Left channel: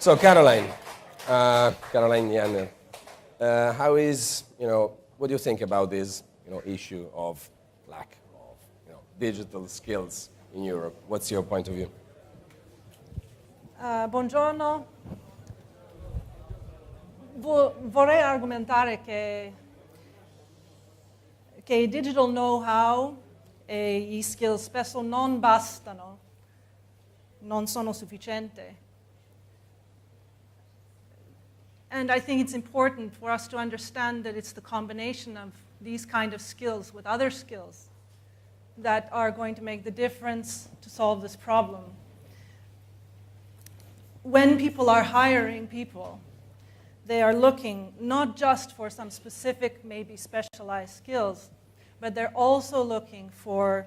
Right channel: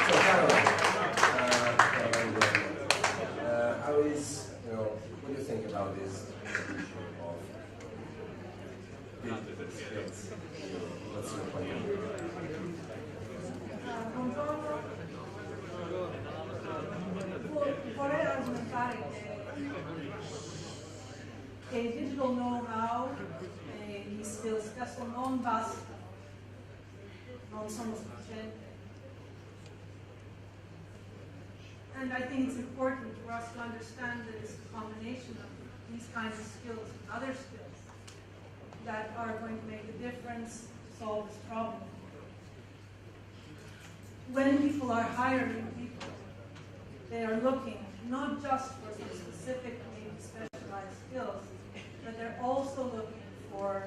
So Caroline Yender, how is, what do you think about this issue of like, digital skills in Europe? What's your point of view? Buongiorno. Vorrei argomentare che i digital know-how e i skills spesso non bastano, non sono sufficienti. And I think it's important for us to understand that it's the combination of these kind of skills with other skills that are going to make the difference to solve this problem. When people are hiring people, they are looking not just for some specific, maybe specialized skills, but they're also looking for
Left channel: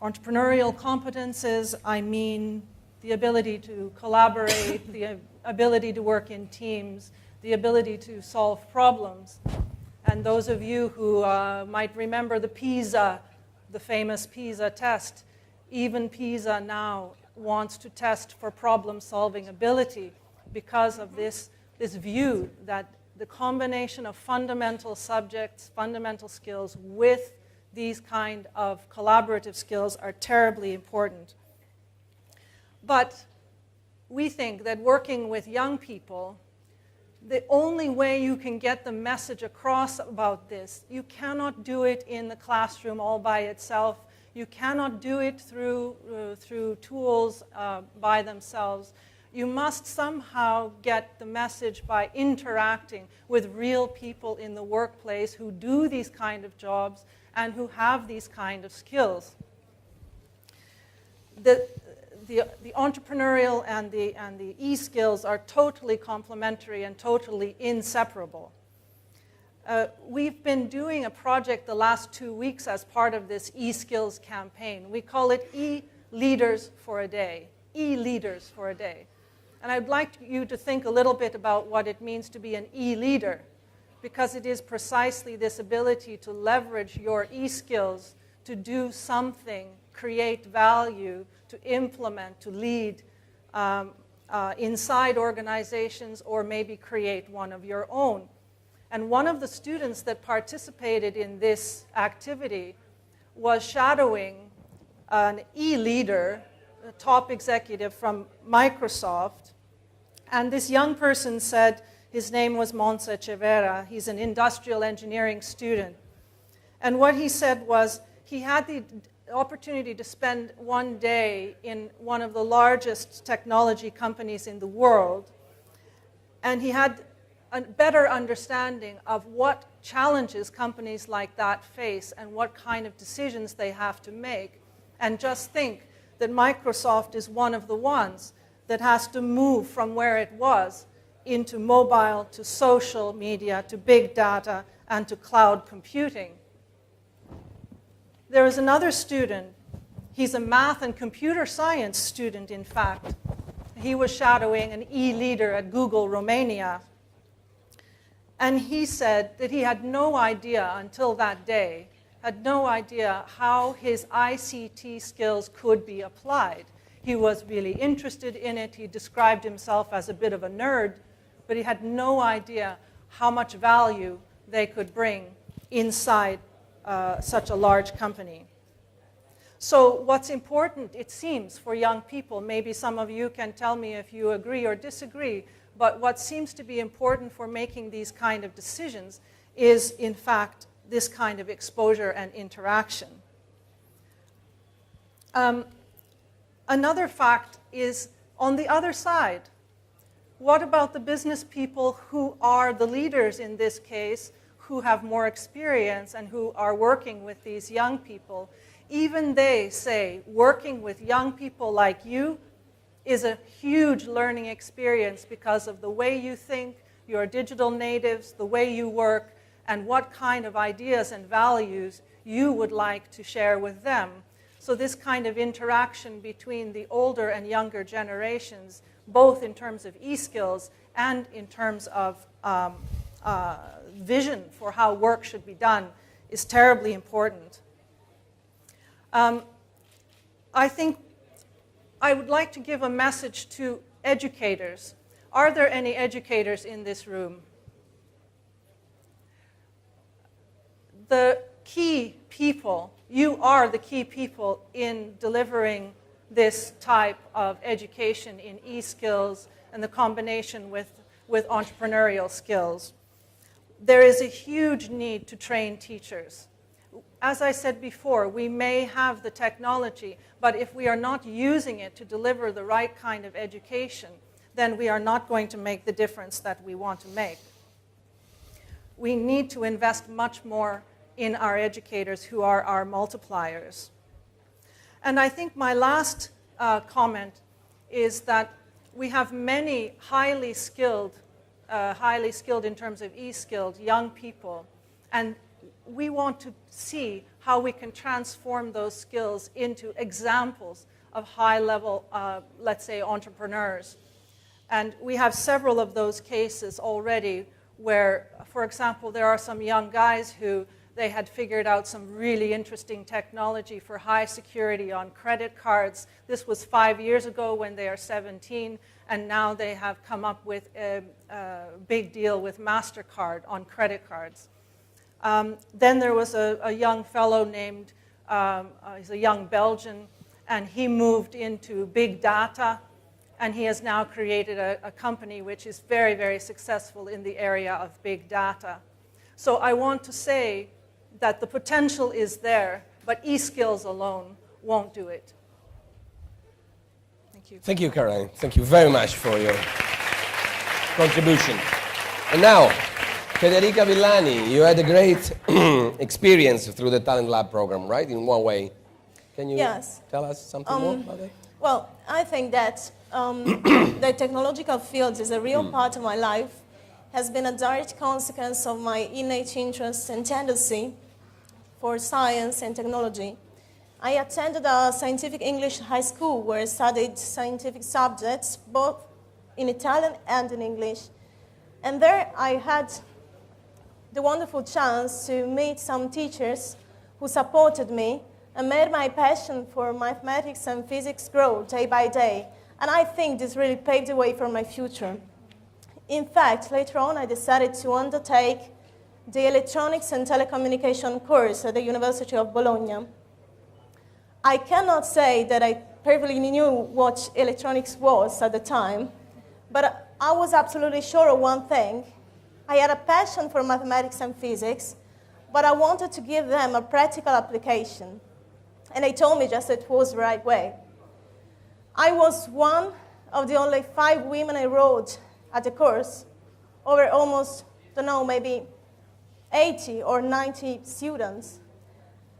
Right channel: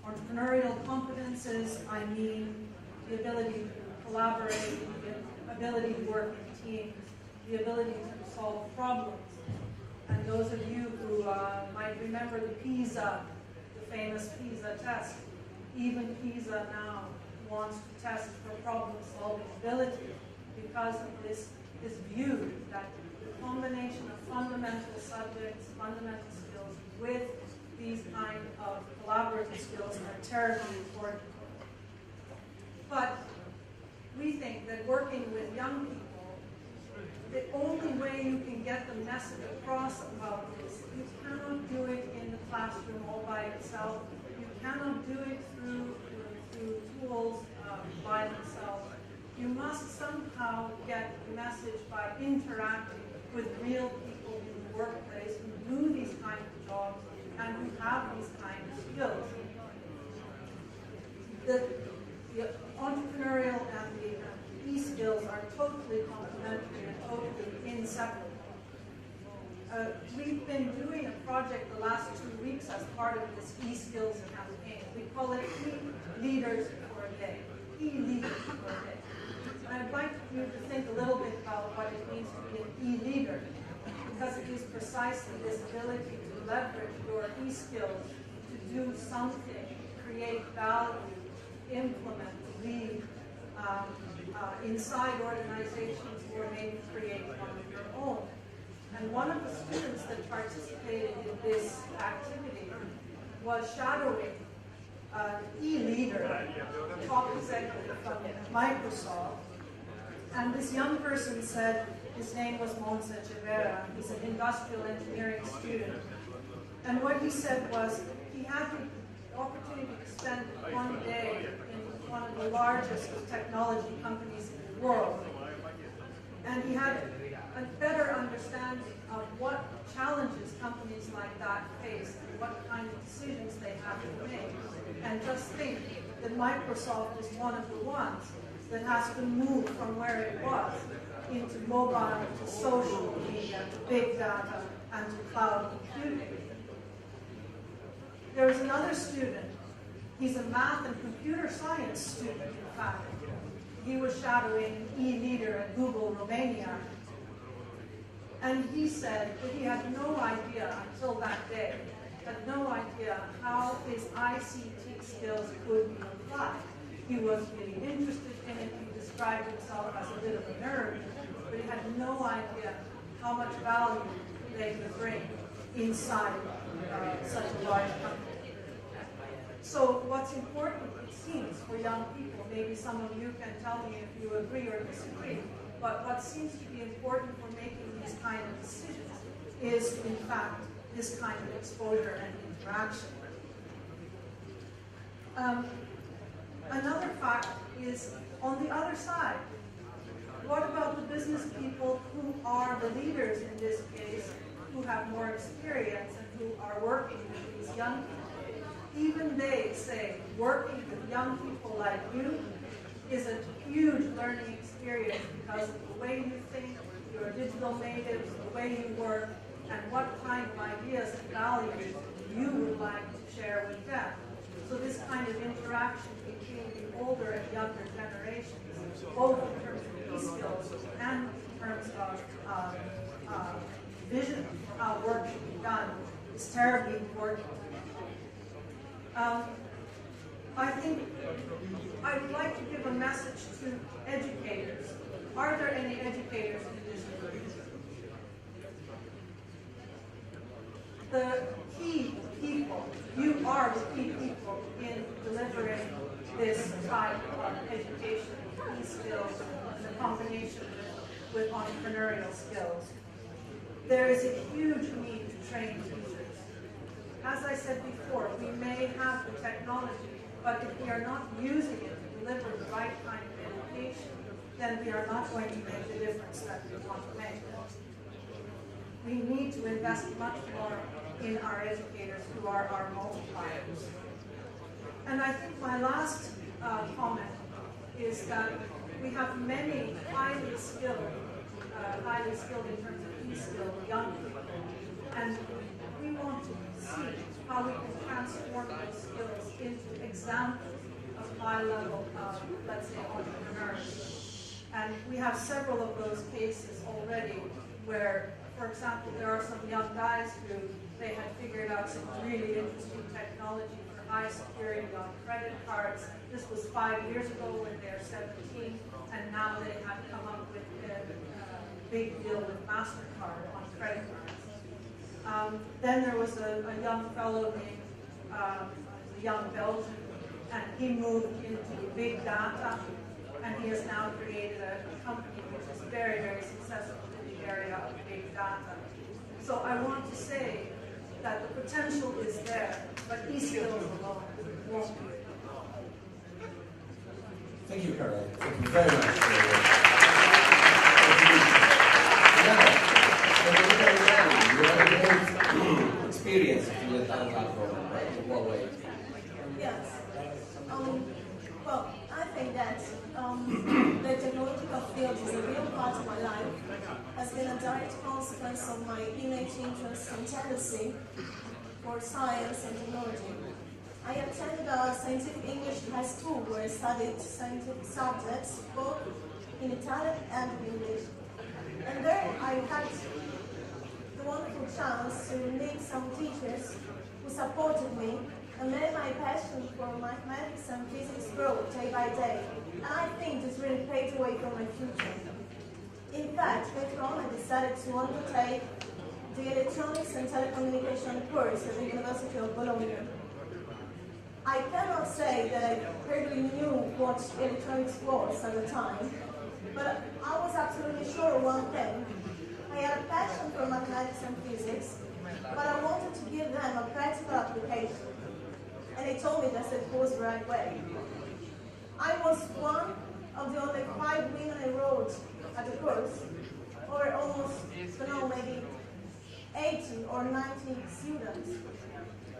entrepreneurial competences. I mean, the ability to collaborate, the ability to work in teams, the ability to solve problems. And those of you who might remember the famous PISA test, even PISA now wants to test for problem-solving ability because of this view that the combination of fundamental subjects, fundamental skills with these kind of collaborative skills are terribly important. But we think that working with young people, the only way you can get the message across about this, you cannot do it in the classroom all by itself. You cannot do it through tools by themselves. You must somehow get the message by interacting with real people in the workplace who do these kind of jobs and who have these kind of skills. The entrepreneurial and the e-skills are totally complementary and totally inseparable. We've been doing a project the last 2 weeks as part of this e-skills campaign. We call it E-Leaders for a Day. E-Leaders for a Day. And I'd like you to think a little bit about what it means to be an e-leader, because it is precisely this ability to leverage your e-skills to do something, create value, to implement, to lead inside organizations, or maybe create one of your own. And one of the students that participated in this activity was shadowing an e-leader, a top executive from Microsoft. And this young person said, his name was Monza Cevera. He's an industrial engineering student. And what he said was, he had the opportunity to spend one day in one of the largest technology companies in the world. And he had a better understanding of what challenges companies like that face and what kind of decisions they have to make. And just think that Microsoft is one of the ones that has to move from where it was into mobile, to social media, to big data, and to cloud computing. There is another student. He's a math and computer science student, in fact. He was shadowing an e-leader at Google Romania. And he said that he had no idea until that day, had no idea how his ICT skills could be applied. He was really interested in it. He described himself as a bit of a nerd, but he had no idea how much value they could bring inside such a large company. So what's important, it seems, for young people, maybe some of you can tell me if you agree or disagree, but what seems to be important for making these kind of decisions is, in fact, this kind of exposure and interaction. Another fact is, on the other side, what about the business people who are the leaders in this case, who have more experience and who are working with these young people? Even they say working with young people like you is a huge learning experience because of the way you think, your digital natives, the way you work, and what kind of ideas and values you would like to share with them. So this kind of interaction between the older and younger generations, both in terms of e-skills and in terms of vision for how work should be done, is terribly important. I think I would like to give a message to educators Are there any educators in this room? The key people, you are the key people in delivering this type of education in e-skills and the combination with entrepreneurial skills. There is a huge need to train teachers. As I said before, we may have the technology, but if we are not using it to deliver the right kind of education, then we are not going to make the difference that we want to make. We need to invest much more in our educators who are our multipliers. And I think my last comment is that we have many highly skilled in terms of e-skilled young people, and we want to see how we can transform those skills into examples of high-level, let's say, entrepreneurs. And we have several of those cases already where, for example, there are some young guys who they had figured out some really interesting technology for high security on credit cards. This was 5 years ago when they are 17, and now they have come up with a big deal with MasterCard on credit cards. Then there was a young fellow named, he's a young Belgian, and he moved into big data, and he has now created a company which is very, very successful in the area of big data. So I want to say that the potential is there, but e-skills alone won't do it. Thank you, Caroline. Thank you very much for your contribution. And now, Federica Villani, you had a great experience through the Talent Lab program, right? In one way. Can you tell us something more about it? Well, I think that the technological field is a real part of my life, has been a direct consequence of my innate interest and tendency for science and technology. I attended a scientific English high school where I studied scientific subjects, both in Italian and in English. And there I had the wonderful chance to meet some teachers who supported me and made my passion for mathematics and physics grow day by day. And I think this really paved the way for my future. In fact, later on I decided to undertake the Electronics and Telecommunication course at the University of Bologna. I cannot say that I perfectly knew what electronics was at the time, but I was absolutely sure of one thing. I had a passion for mathematics and physics, but I wanted to give them a practical application. And they told me just that it was the right way. I was one of the only 5 women enrolled at the course, over almost, I don't know, maybe 80 or 90 students.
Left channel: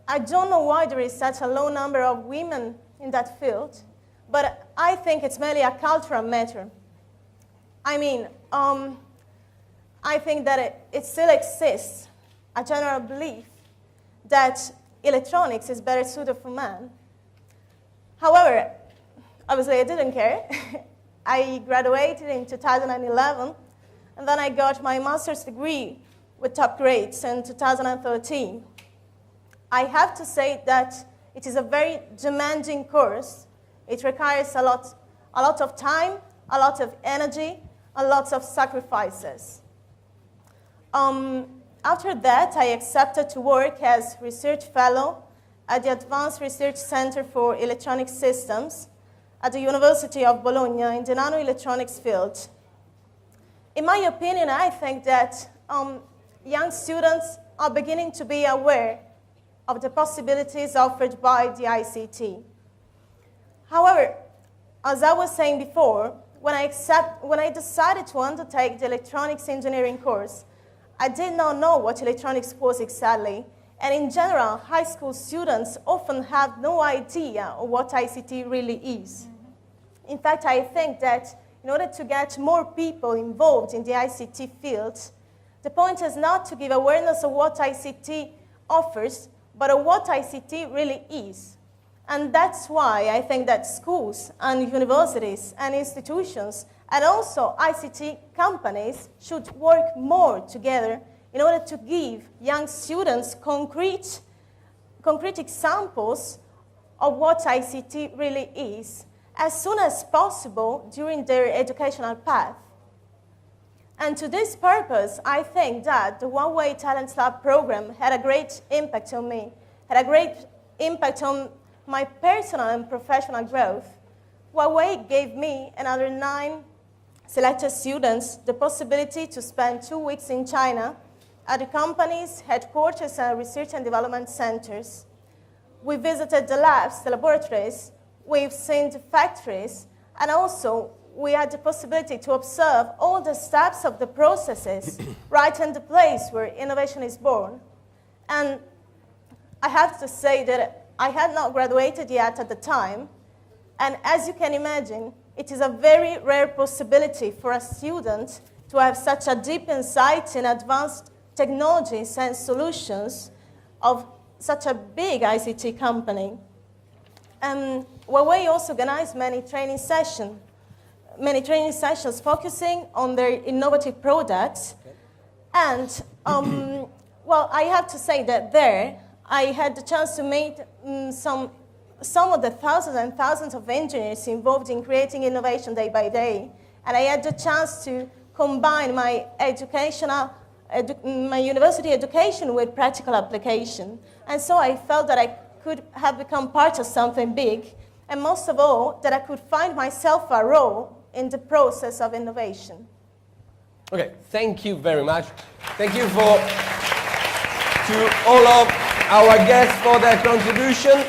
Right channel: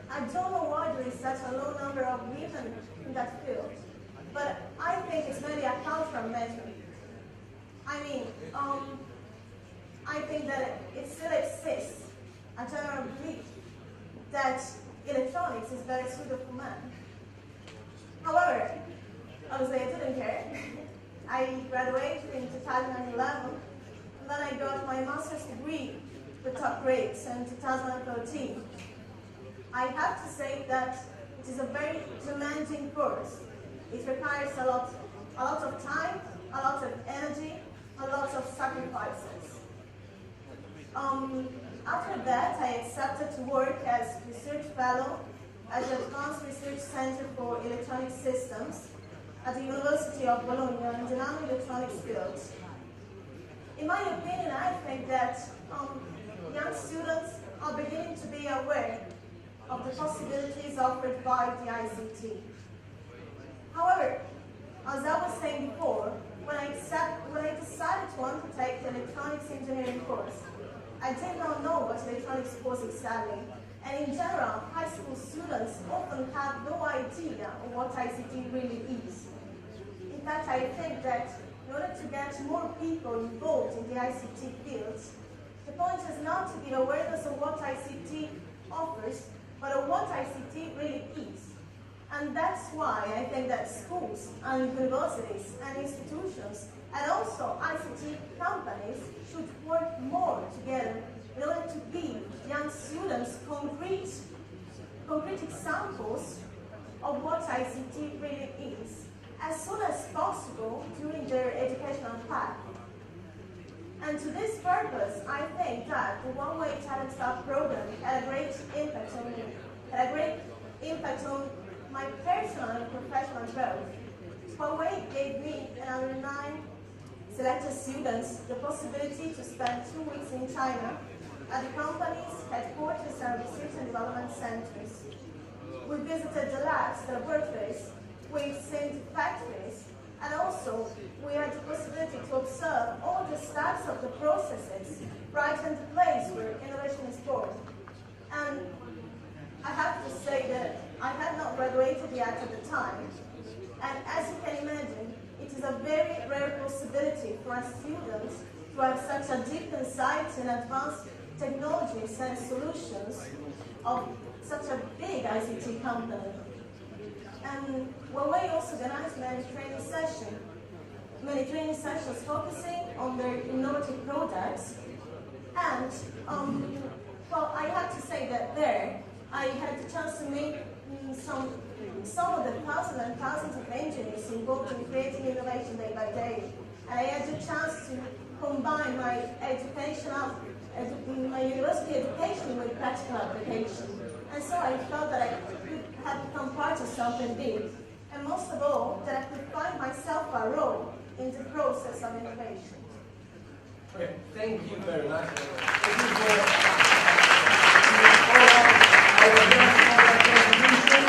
I don't know why there is such a low number of women in that field, but I think it's mainly a cultural matter. I mean, I think that it still exists, a general belief that electronics is better suited for men. However, obviously I didn't care. I graduated in 2011, and then I got my master's degree with top grades in 2013. I have to say that it is a very demanding course. It requires a lot of time, a lot of energy, and lots of sacrifices. After that, I accepted to work as research fellow at the Advanced Research Center for Electronic Systems at the University of Bologna in the nanoelectronics field. In my opinion, I think that young students are beginning to be aware of the possibilities offered by the ICT. However, as I was saying before, when I decided to undertake the electronics engineering course, I did not know what electronics was exactly. And in general, high school students often have no idea of what ICT really is. In fact, I think that in order to get more people involved in the ICT field, the point is not to give awareness of what ICT offers, but of what ICT really is. And that's why I think that schools and universities and institutions and also ICT companies should work more together in order to give young students concrete examples of what ICT really is as soon as possible during their educational path. And to this purpose, I think that the One Way Talent Lab program had a great impact on me, had a great impact on my personal and professional growth. One Way gave me and other 9 selected students the possibility to spend 2 weeks in China at the company's headquarters and research and development centers. We visited the labs, the laboratories, we've seen the factories, and also we had the possibility to observe all the steps of the processes right in the place where innovation is born. And I have to say that I had not graduated yet at the time, and as you can imagine, it is a very rare possibility for a student to have such a deep insight in advanced technologies and solutions of such a big ICT company. Huawei also organized many training sessions focusing on their innovative products. And, well, I have to say that there, I had the chance to meet some of the thousands and thousands of engineers involved in creating innovation day by day. And I had the chance to combine my my university education with practical application. And so I felt that I could have become part of something big, and most of all, that I could find myself a role in the process of innovation. Okay, thank you very much. Thank you to all of our guests for their contribution.